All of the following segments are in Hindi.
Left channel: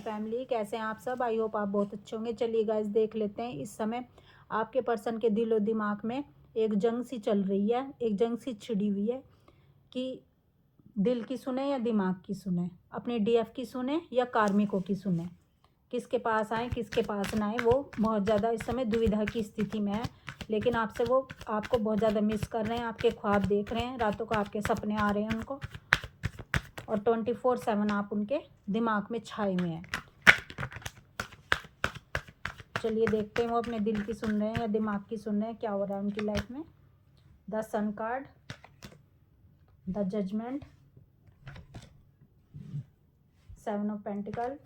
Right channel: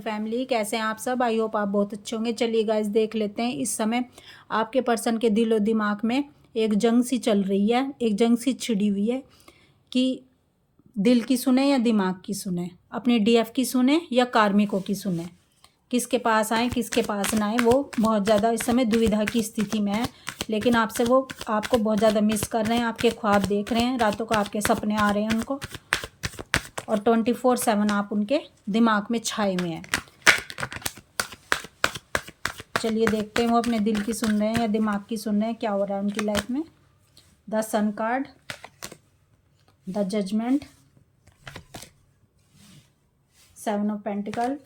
फैमिली कैसे हैं आप सब। आई होप आप बहुत अच्छे होंगे। चलिए गाइस देख लेते हैं इस समय आपके पर्सन के दिलो दिमाग में एक जंग सी चल रही है, एक जंग सी छिड़ी हुई है कि दिल की सुने या दिमाग की सुने, अपने डीएफ की सुने या कार्मिकों की सुने, किसके पास आए किसके पास ना आए। वो बहुत ज़्यादा इस समय दुविधा की स्थिति में है, लेकिन आपसे वो आपको बहुत ज़्यादा मिस कर रहे हैं। आपके ख्वाब देख रहे हैं, रातों को आपके सपने आ रहे हैं उनको, और 24/7 आप उनके दिमाग में छाए हुए हैं। चलिए देखते हैं वो अपने दिल की सुन रहे हैं या दिमाग की सुन रहे हैं, क्या हो रहा है उनकी लाइफ में। The sun card, the judgement, 7 of pentacle,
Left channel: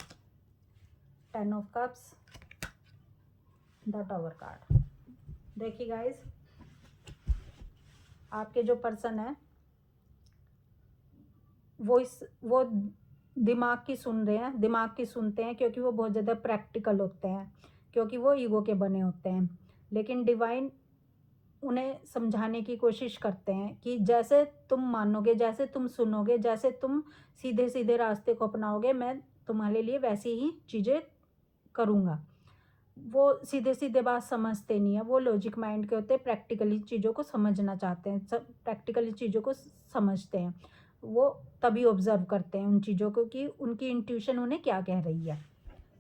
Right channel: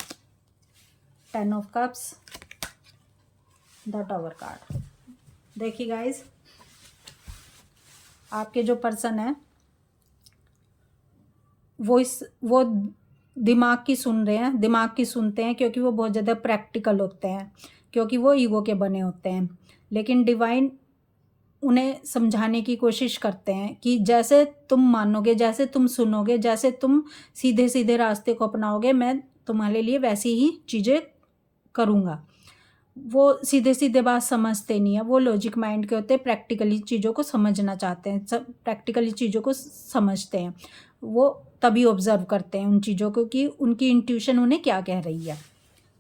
10 of cups, the tower card. देखिए गाइस, आपके जो पर्सन है वो दिमाग की सुन रहे हैं, दिमाग की सुनते हैं क्योंकि वो बहुत ज़्यादा प्रैक्टिकल होते हैं, क्योंकि वो ईगो के बने होते हैं। लेकिन डिवाइन उन्हें समझाने की कोशिश करते हैं कि जैसे तुम मानोगे, जैसे तुम सुनोगे, जैसे तुम सीधे सीधे रास्ते को अपनाओगे, मैं तुम्हारे लिए वैसी ही चीज़ें करूँगा। वो सीधे सीधे बात समझते नहीं है, वो लॉजिक माइंड के होते हैं, प्रैक्टिकली चीज़ों को समझना चाहते हैं, सब प्रैक्टिकली चीज़ों को समझते हैं। वो तभी ऑब्जर्व करते हैं उन चीज़ों को कि उनकी इंट्यूशन उन्हें क्या कह रही है।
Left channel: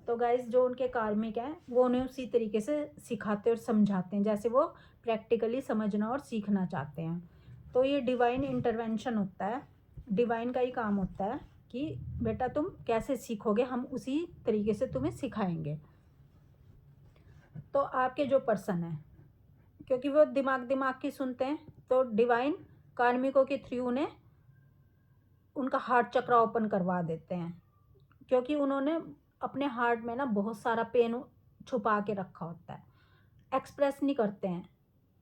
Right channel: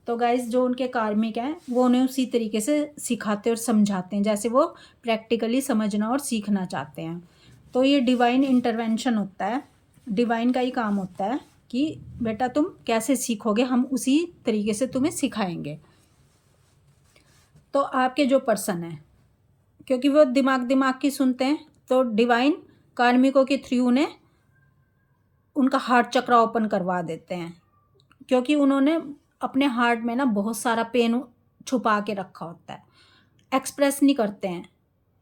तो गाइस, जो उनके कार्मिक हैं वो उन्हें उसी तरीके से सिखाते और समझाते हैं जैसे वो प्रैक्टिकली समझना और सीखना चाहते हैं। तो ये डिवाइन इंटरवेंशन होता है, डिवाइन का ही काम होता है कि बेटा तुम कैसे सीखोगे, हम उसी तरीके से तुम्हें सिखाएंगे। तो आपके जो पर्सन है, क्योंकि वो दिमाग की सुनते हैं, तो डिवाइन कार्मिकों के थ्रू उन्हें उनका हार्ट चक्र ओपन करवा देते हैं, क्योंकि उन्होंने अपने हार्ट में ना बहुत सारा पेन छुपा के रखा होता है। एक्सप्रेस नहीं करते हैं,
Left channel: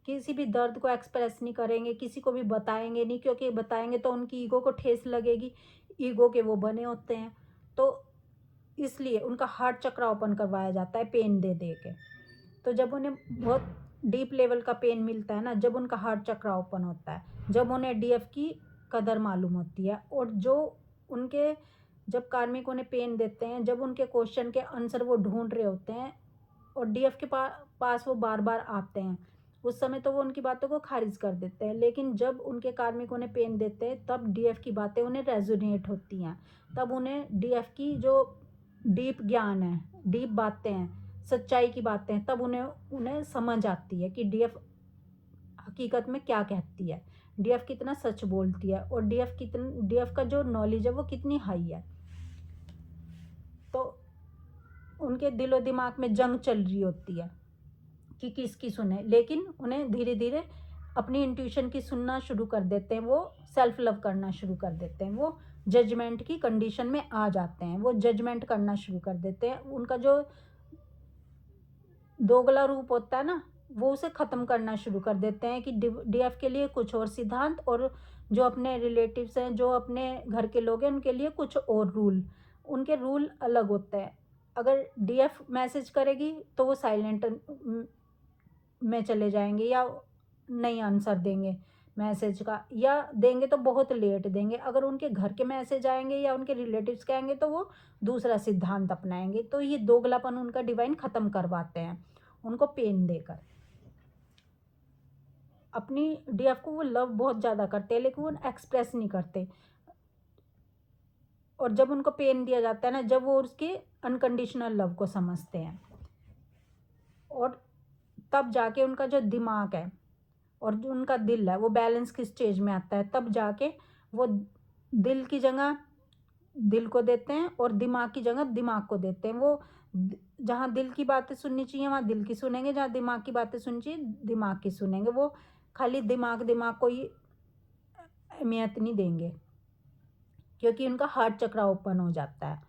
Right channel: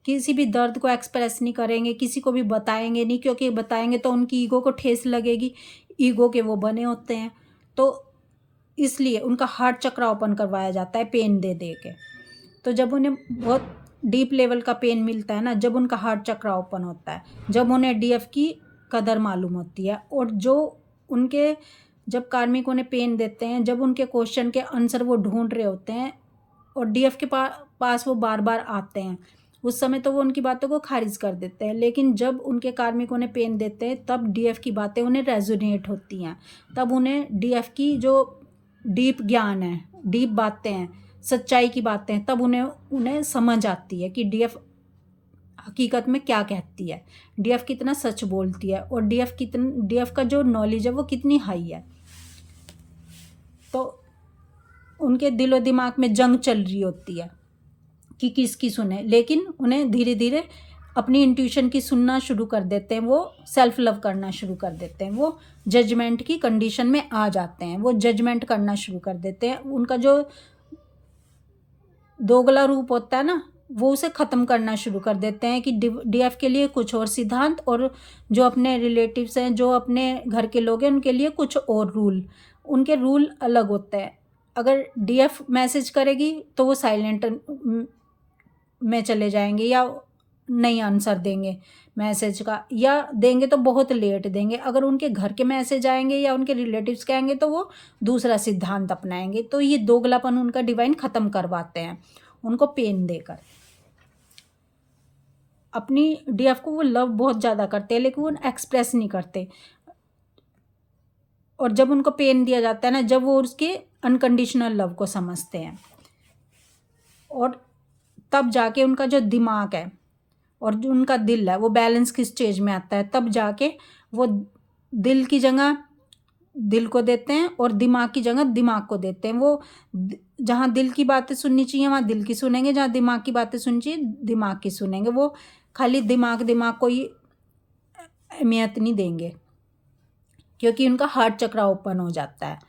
किसी भी दर्द को एक्सप्रेस नहीं करेंगे, किसी को भी बताएंगे नहीं, क्योंकि बताएंगे तो उनकी ईगो को ठेस लगेगी, ईगो के वो बने होते हैं। तो इसलिए उनका हार्ट चक्र ओपन करवाया जाता है पेन दे दे के। तो जब उन्हें बहुत डीप लेवल का पेन मिलता है ना, जब उनका हार्ट चक्र ओपन होता है, जब उन्हें डीएफ की कदर मालूम होती है, और जो उनके जब कार्मिक उन्हें पेन देते हैं, जब उनके क्वेश्चन के आंसर वो ढूंढ रहे होते हैं और डीएफ के पास वो बार बार आते हैं, उस समय तो वो उनकी बातों को खारिज कर देते हैं। लेकिन जब उनके कार्मिक उन्हें पेन देते हैं, तब डीएफ की बातें उन्हें रेजोनेट होती हैं, तब उन्हें डीएफ की जो डीप ज्ञान है, डीप बातें हैं, सच्चाई की बातें हैं, तब उन्हें समझ आती है कि डीएफ हकीकत में क्या कहती है, डीएफ कितना सच बोलती है, और डीएफ का जो नॉलेज है वो कितनी हाई है। तो उनके दिलो दिमाग में जंग चल रही होती है कि किसकी सुने, लेकिन उन्हें धीरे धीरे अपनी इंट्यूशन की सुनना शुरू कर देते हैं, वो सेल्फ लव करना शुरू कर देते हैं, वो जजमेंट की कंडीशन में आ जाते हैं, वो जजमेंट करना शुरू कर देते हैं। उनका जो दोगला रूप होता है ना, वो उसे ख़त्म करना शुरू कर देते हैं कि डीएफ के लिए कुछ और सिद्धांत, और जो अपने रिलेटिव्स हैं, जो अपने घर के लोग हैं, उनके लिए कुछ और रूल, उनके रूल अलग होते हैं। अगर डीएफ मैसेज करेगी तो वो साइलेंट में चले जाएंगे या नहीं आंसर देंगे मैसेज का, या देंगे तो बहुत लेट देंगे। अगर उनके घर के मैसेज आएंगे या उनके रिलेटिव्स के आएंगे तो वो दूसरा सिद्धांत अपनाएंगे। तो ये दोगलापन उनका डिवाइन ख़त्म करवाते हैं उनको पेन देकर। अपनी डीएफ को वो लव बहुत ज़्यादा करते हैं, लेकिन वो एक्सप्रेस नहीं करते, और जब उनको पेन दिया जाता है ना, जब वो उसके अनकंडीशनल लव को समझते हैं, और तब जाके उनका जो दिमाग है और जो उनका दिल है वो बैलेंस की स्टेज में आता है, तब जाके वो दिल की जगह दिल को देते हैं और दिमाग की जगह दिमाग को देते हैं। वो जहाँ दिल की बातें सुननी चाहिए वहाँ दिल की सुनेंगे, जहाँ दिमाग की बातें सुननी चाहिए दिमाग की सुनेंगे। वो खाली दिमाग को ही अहमियत नहीं देंगे, क्योंकि उनका हार्ट चक्र ओपन हो जाता है।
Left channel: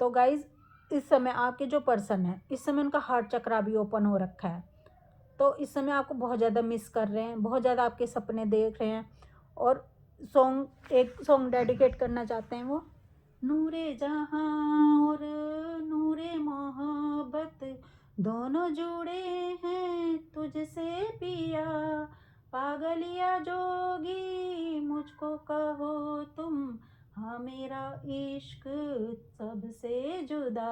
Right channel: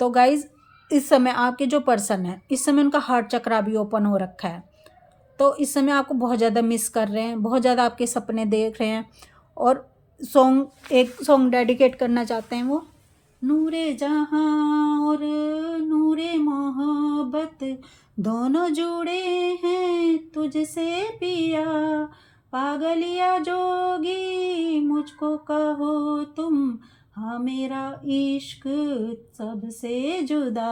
तो गाइज, इस समय आपके जो पर्सन है, इस समय उनका हार्ट चक्र भी ओपन हो रखा है, तो इस समय आपको बहुत ज़्यादा मिस कर रहे हैं, बहुत ज़्यादा आपके सपने देख रहे हैं, और एक सॉन्ग डेडिकेट करना चाहते हैं वो, नूरे जहाँ और नूरे मोहब्बत दोनों जुड़े हैं तुझसे पिया, पागलिया जोगी मुझको कहो तुम हाँ मेरा इश्क सबसे जुदा